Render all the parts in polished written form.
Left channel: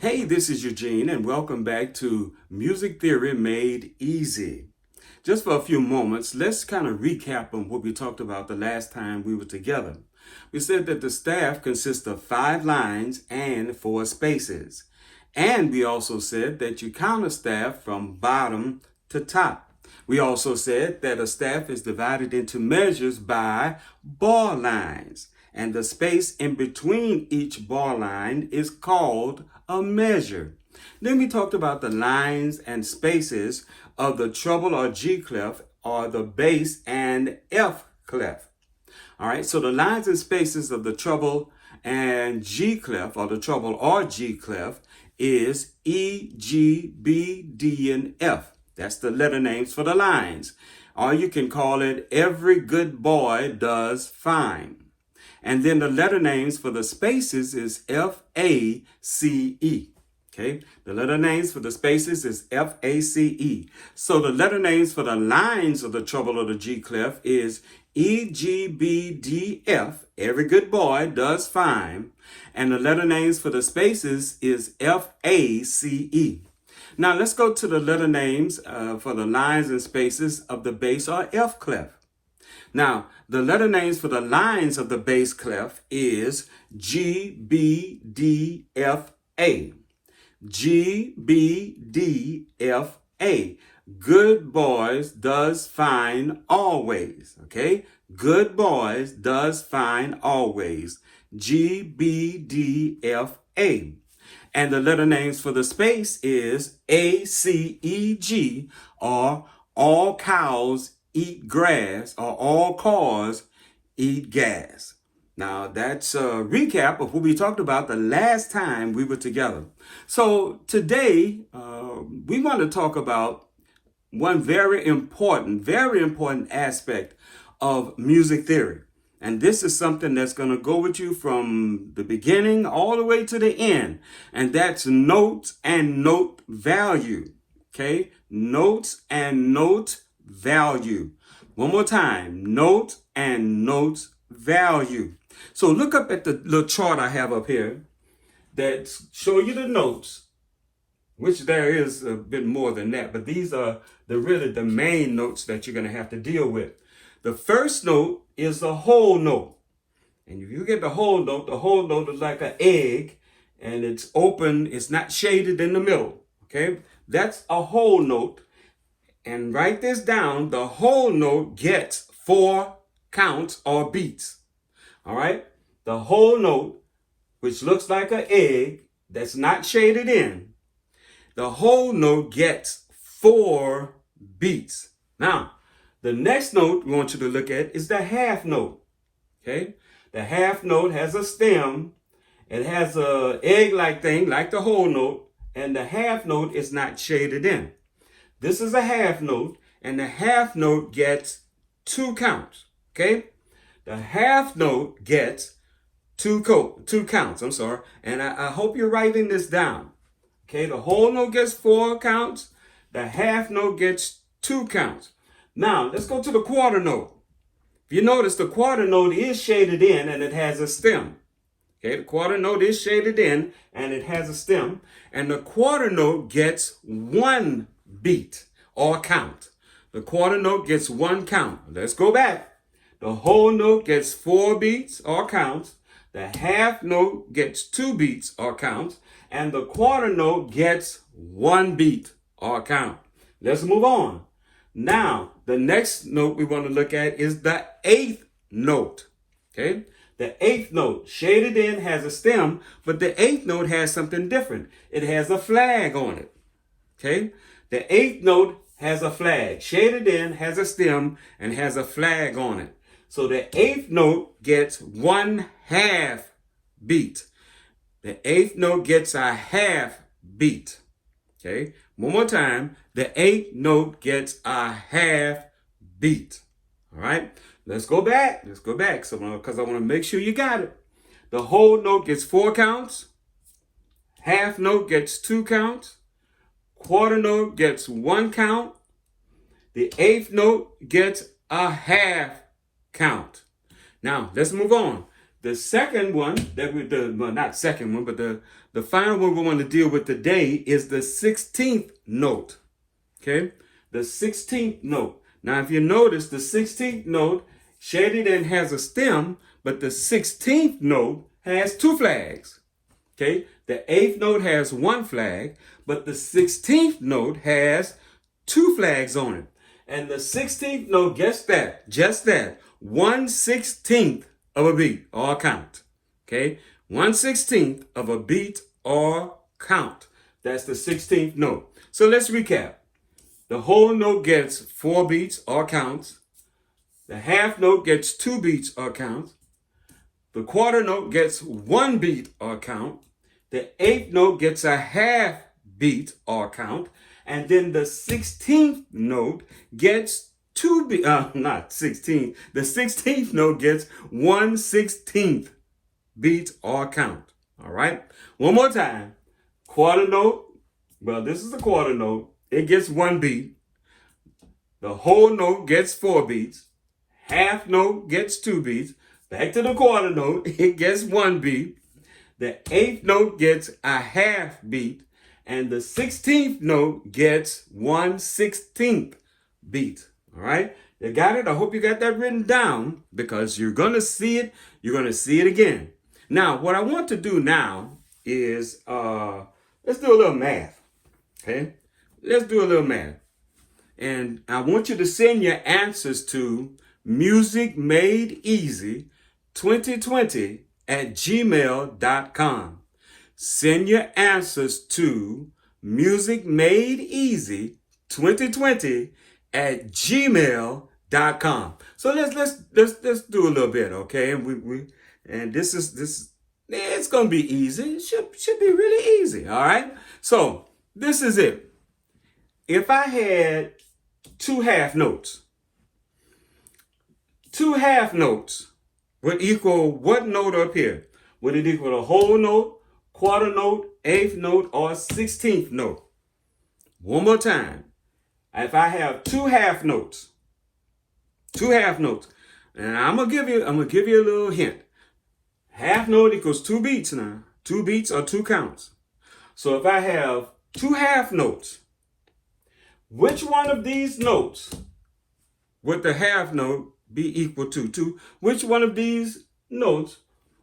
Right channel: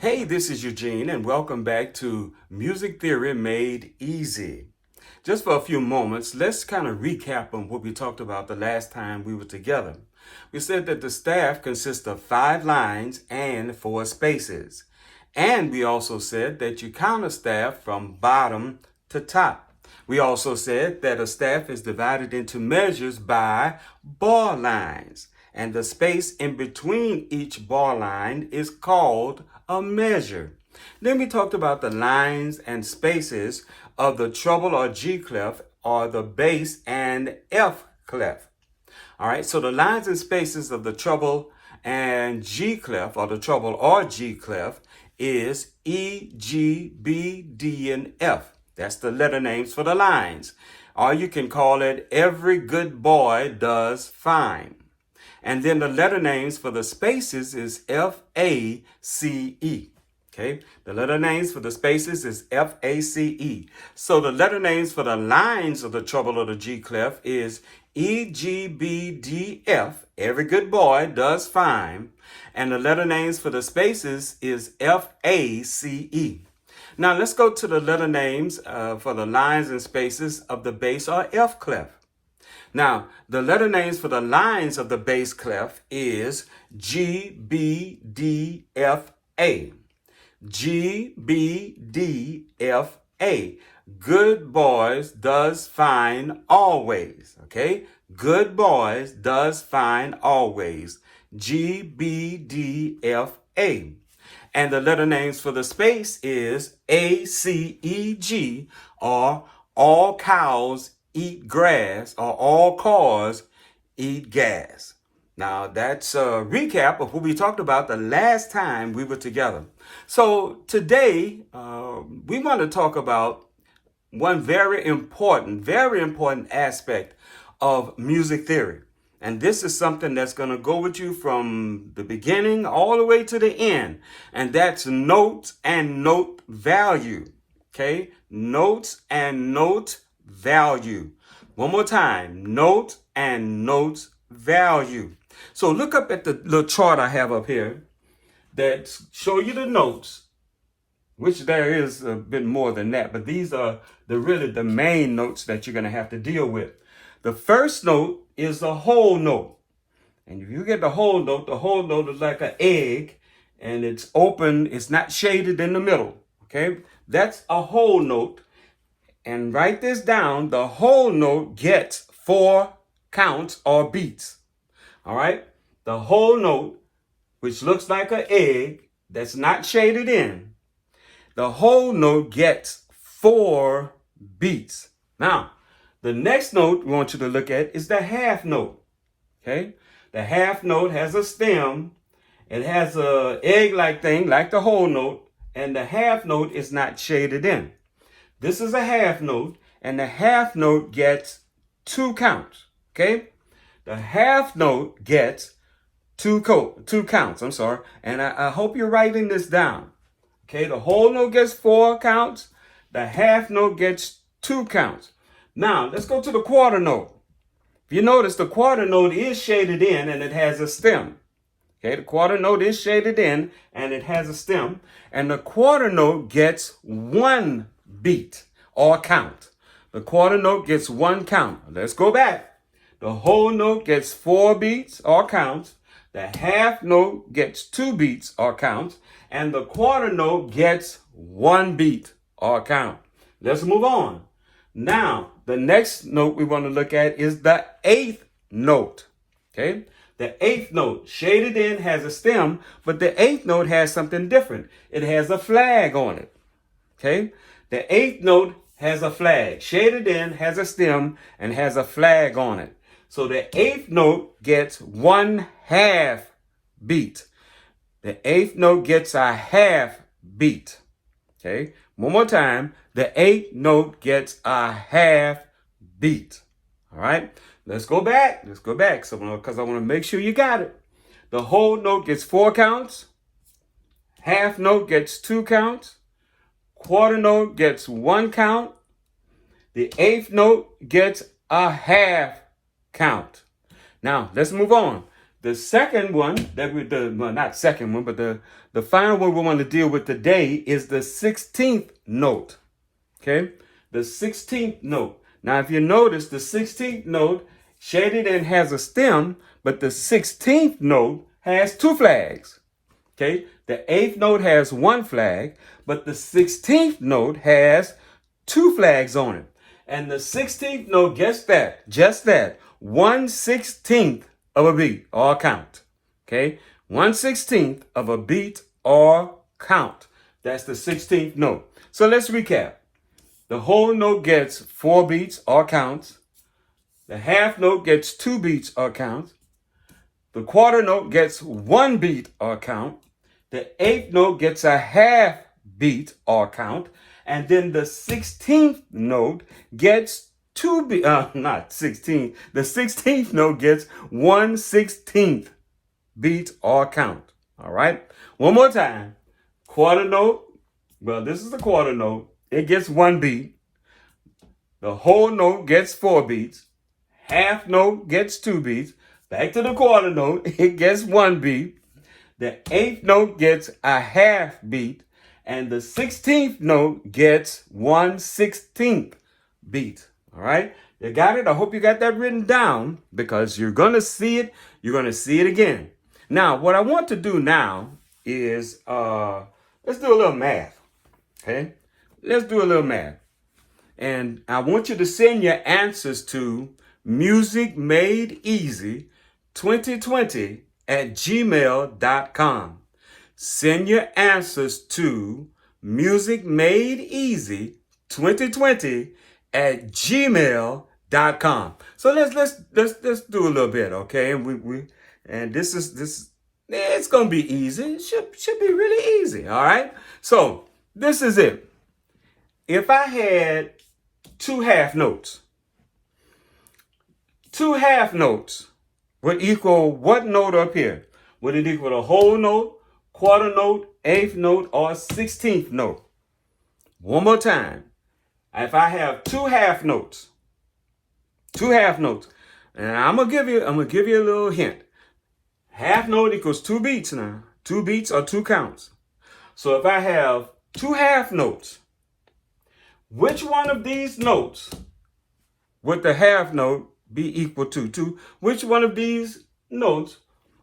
Hey, this is Eugene, and welcome back to Music Theory Made Easy. Just for a few moments, let's kind of recap on what we talked about the last time we were together. We said that the staff consists of 5 lines and 4 spaces. And we also said that you count a staff from bottom to top. We also said that a staff is divided into measures by bar lines, and the space in between each bar line is called a measure. Then we talked about the lines and spaces of the treble or G clef, or the bass and F clef. All right, so the lines and spaces of the treble and G clef, or the treble or G clef, is E, G, B, D, and F. That's the letter names for the lines. Or you can call it Every Good Boy Does Fine. And then the letter names for the spaces is F, A, C, E. Okay, the letter names for the spaces is F, A, C, E. So the letter names for the lines of the treble or the G clef is E, G, B, D, F. Every good boy does fine. And the letter names for the spaces is F, A, C, E. Now let's go to the letter names for the lines and spaces of the bass or F clef. Now, the letter names for the lines of the bass clef is G, B, D, F, A. G, B, D, F, A. Good boys does fine always. Okay? Good boys does fine always. G, B, D, F, A. And the letter names for the space is A, C, E, G, or all cows eat grass, or all cars eat gas. Now, that's a recap of what we talked about the last time we were together. So today, we want to talk about one very important aspect of music theory. And this is something that's going to go with you from the beginning all the way to the end. And that's notes and note value. Okay? Notes and note value. One more time. Note and note value. So look up at the little chart I have up here that show you the notes, which there is a bit more than that, but these are really the main notes that you're going to have to deal with. The first note is the whole note. And if you get the whole note is like an egg, and it's open, it's not shaded in the middle. Okay? That's a whole note. And write this down. The whole note gets 4 counts or beats. All right? The whole note, which looks like an egg that's not shaded in, the whole note gets 4 beats. Now, the next note we want you to look at is the half note. Okay? The half note has a stem. It has a egg-like thing, like the whole note, and the half note is not shaded in. This is a half note, and the half note gets 2 counts. Okay? The half note gets 2 counts. And I hope you're writing this down. Okay? The whole note gets 4 counts. The half note gets 2 counts. Now, let's go to the quarter note. You notice the quarter note is shaded in and it has a stem. Okay, the quarter note is shaded in and it has a stem. And the quarter note gets 1 beat or count. The quarter note gets 1 count. Let's go back. The whole note gets 4 beats or counts. The half note gets 2 beats or counts. And the quarter note gets 1 beat or count. Let's move on. Now, the next note we want to look at is the 8th note. Okay? The 8th note, shaded in, has a stem, but the 8th note has something different. It has a flag on it. Okay? The 8th note has a flag. Shaded in, has a stem, and has a flag on it. So the 8th note gets 1/2 beat. The 8th note gets a half beat. Okay? One more time. The 8th note gets a half beat. All right? Let's go back. So, because I want to make sure you got it. The whole note gets 4 counts. Half note gets 2 counts. Quarter note gets 1 count. The 8th note gets a half count. Now, let's move on. The second one that well, not second one, but the final one we want to deal with today is the 16th note. Okay, the 16th note. Now, if you notice, the 16th note shaded and has a stem, but the 16th note has two flags. Okay, the 8th note has one flag, but the 16th note has two flags on it. And the 16th note, guess that, just that, 1/16 of a beat or count. Okay, 1/16 of a beat or count. That's the 16th note. So let's recap. The whole note gets 4 beats or counts. The half note gets 2 beats or counts. The quarter note gets 1 beat or count. The 8th note gets a half beat or count. And then the 16th note gets 2 beats, not 16. The 16th note gets 1/16 beat or count. All right. One more time. Quarter note. Well, this is the quarter note. It gets 1 beat. The whole note gets 4 beats. Half note gets 2 beats. Back to the quarter note. It gets 1 beat. The 8th note gets a half beat. And the 16th note gets 1/16 beat. All right. You got it? I hope you got that written down, because you're going to see it. You're going to see it again. Now, what I want to do now is, let's do a little math. Okay. Let's do a little math. And I want you to send your answers to musicmadeeasy2020@gmail.com. Send your answers to musicmadeeasy2020@gmail.com. So let's do a little bit, okay? And this it's gonna be easy. It should be really easy. All right. So this is it. If I had 2 half notes, 2 half notes would equal what note up here? Would it equal a whole note, quarter note, 8th note, or 16th note? One more time. If I have 2 half notes, and I'm gonna give you a little hint. Half note equals 2 beats now. 2 beats or 2 counts. So if I have 2 half notes, which one of these notes would the half note be equal to? Which one of these notes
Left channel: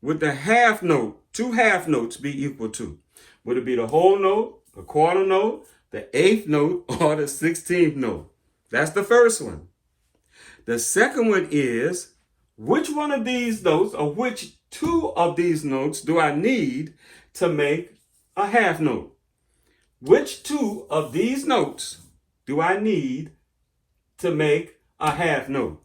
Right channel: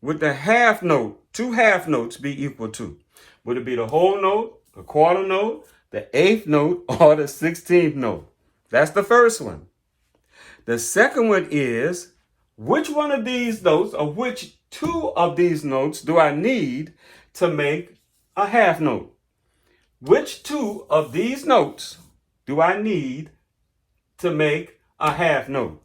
would the half note, 2 half notes, be equal to? Would it be the whole note, the quarter note, the 8th note, or the 16th note? That's the first one. The second one is, which one of these notes, or which 2 of these notes, do I need to make a half note? Which 2 of these notes do I need to make a half note?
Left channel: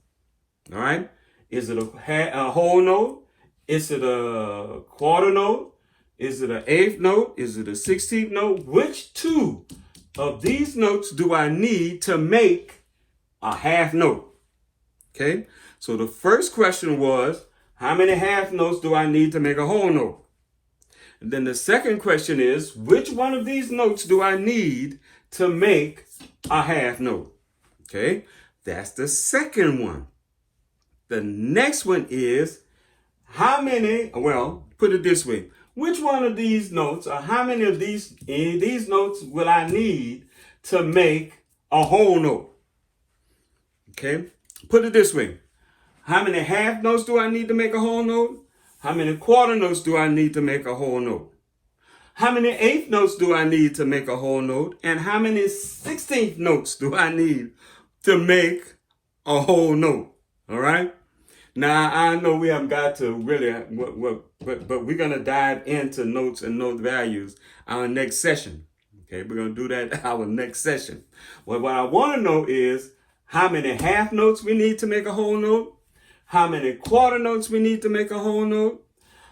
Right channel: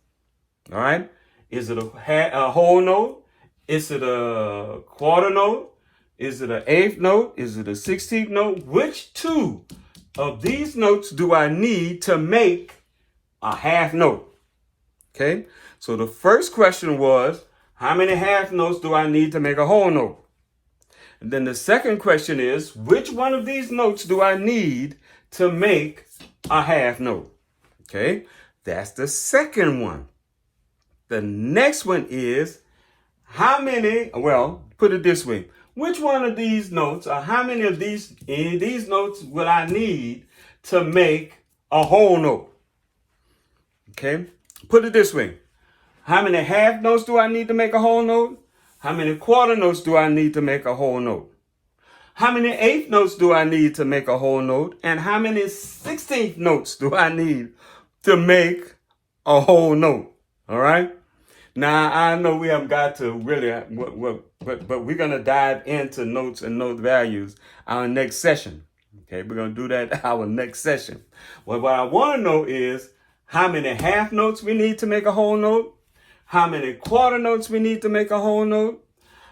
All right. Is it a whole note? Is it a quarter note? Is it an 8th note? Is it a 16th note? Which 2 of these notes do I need to make a half note? Okay. So the first question was, how many half notes do I need to make a whole note? And then the second question is, which one of these notes do I need to make a half note? Okay, that's the second one. The next one is, how many, well, put it this way. Which one of these notes, or how many of these notes will I need to make a whole note? Okay, put it this way. How many half notes do I need to make a whole note? How many quarter notes do I need to make a whole note? How many 8th notes do I need to make a whole note? And how many 16th notes do I need to make a whole note? All right. Now, I know we haven't got to really, but we're going to dive into notes and note values our next session. Okay, we're going to do that our next session. Well, what I want to know is how many half notes we need to make a whole note, how many quarter notes we need to make a whole note,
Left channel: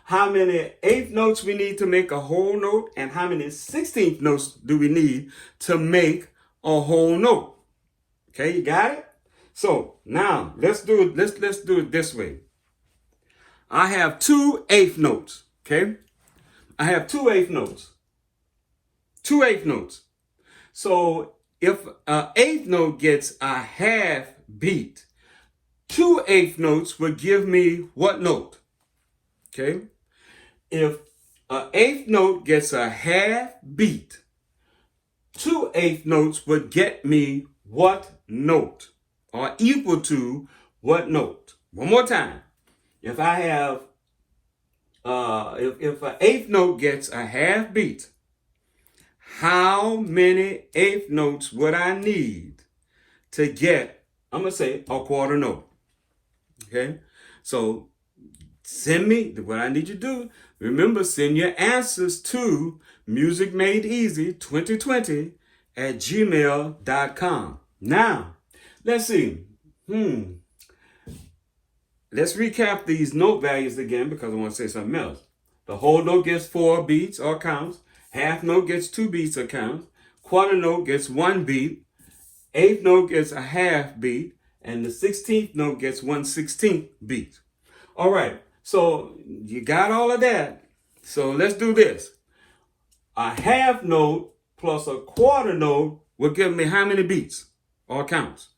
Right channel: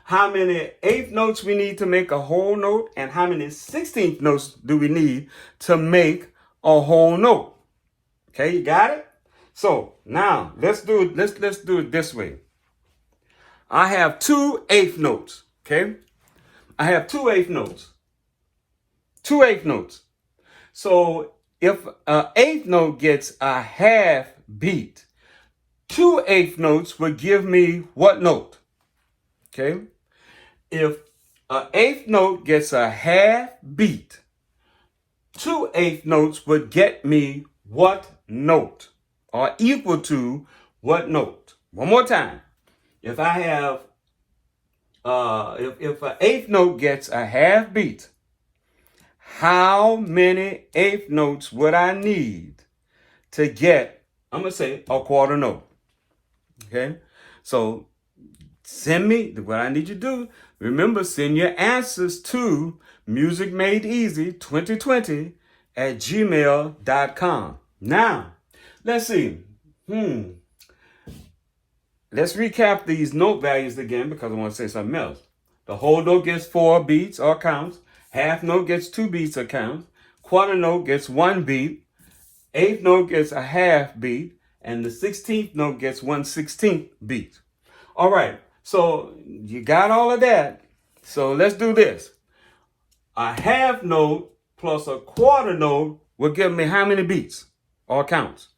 how many 8th notes we need to make a whole note, and how many 16th notes do we need to make a whole note. Okay, you got it? So now let's do it this way. I have 2 8th notes. Okay, I have 2 8th notes. 2 8th notes. So if an 8th note gets a half beat, 2 8th notes would give me what note? Okay? If an eighth note gets a half beat, 2/8 notes would get me what note? Or equal to what note? One more time. If I have, if an eighth note gets a half beat, how many eighth notes would I need to get, I'm going to say, a quarter note? Okay? So send me, what I need you to do, remember, send your answers to musicmadeeasy2020 at gmail.com. Now, let's see. Let's recap these note values again because I want to say something else. The whole note gets 4 beats or counts. Half note gets 2 beats or counts. Quarter note gets 1 beat. Eighth note gets a half beat. And the 16th note gets 1/16 beat. All right. So you got all of that. So let's do this. A half note plus a quarter note will give me how many beats or counts?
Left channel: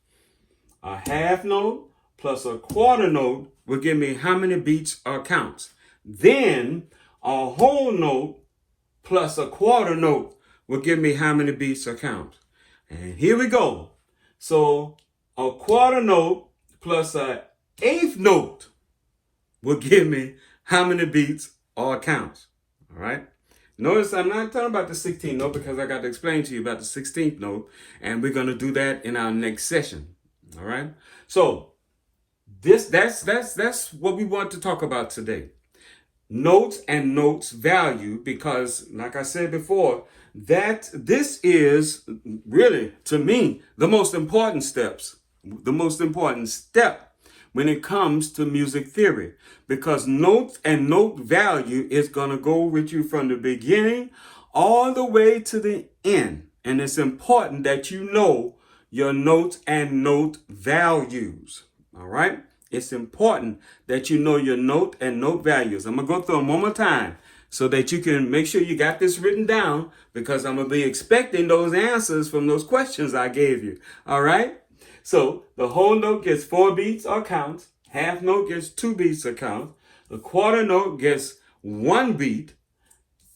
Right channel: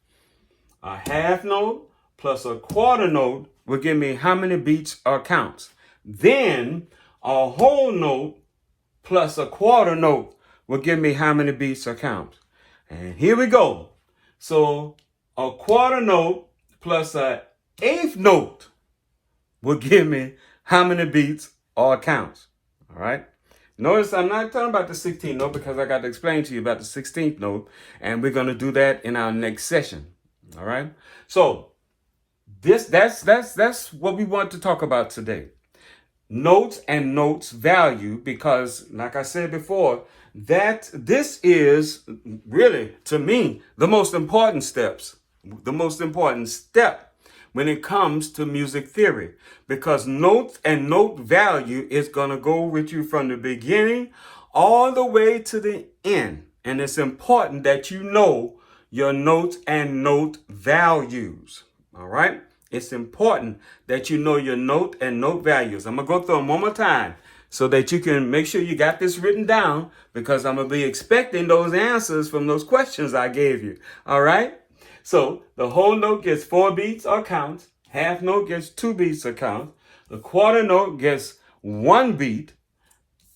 A half note plus a quarter note will give me how many beats or counts? Then a whole note plus a quarter note will give me how many beats or counts? And here we go. So a quarter note plus an eighth note will give me how many beats or counts. All right. Notice I'm not talking about the 16th note because I got to explain to you about the 16th note, and we're going to do that in our next session. All right. So that's what we want to talk about today. Notes and notes value, because like I said before, that this is really, to me, the most important step when it comes to music theory, because notes and note value is going to go with you from the beginning all the way to the end. And it's important that you know your notes and note values. All right? It's important that you know your note and note values. I'm going to go through them one more time so that you can make sure you got this written down, because I'm going to be expecting those answers from those questions I gave you. All right? So the whole note gets 4 beats or counts. Half note gets 2 beats or counts. The quarter note gets 1 beat.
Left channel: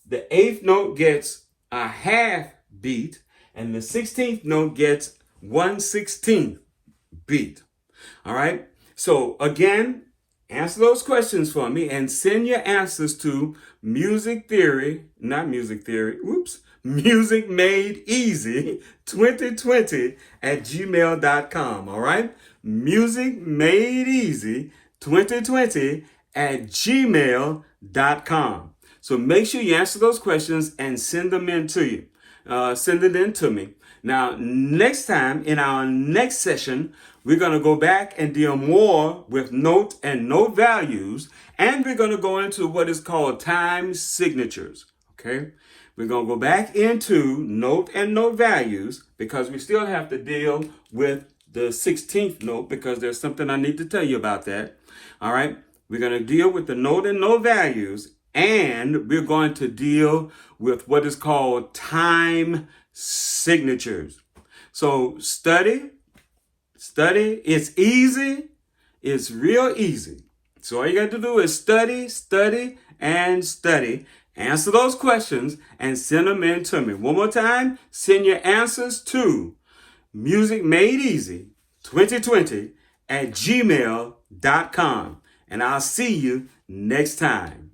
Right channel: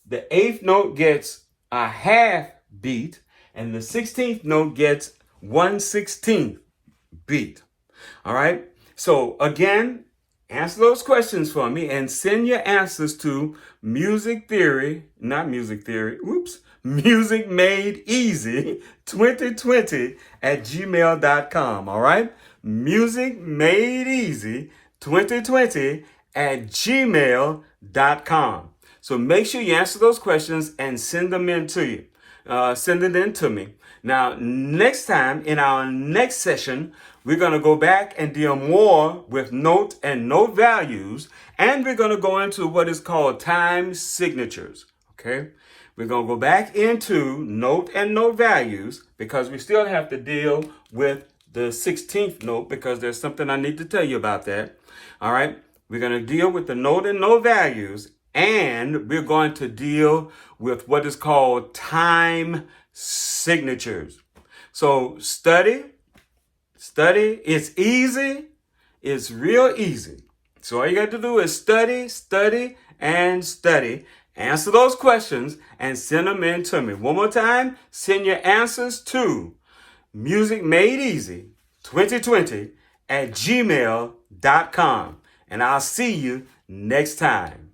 The eighth note gets a half beat. And the 16th note gets 1/16 beat. All right? So again, answer those questions for me and send your answers to Music Made Easy 2020 at gmail.com. All right? Music Made Easy 2020 at gmail.com. So make sure you answer those questions and send them in to you. Send it in to me. Now, next time in our next session, we're going to go back and deal more with note and note values, and we're going to go into what is called time signatures. Okay? We're going to go back into note and note values because we still have to deal with the 16th note, because there's something I need to tell you about that. All right? We're going to deal with the note and note values, and we're going to deal with what is called time signatures. So study. It's easy. It's real easy. So all you got to do is study, and study. Answer those questions and send them in to me. One more time, send your answers to Music Made Easy 2020 at gmail.com. And I'll see you next time.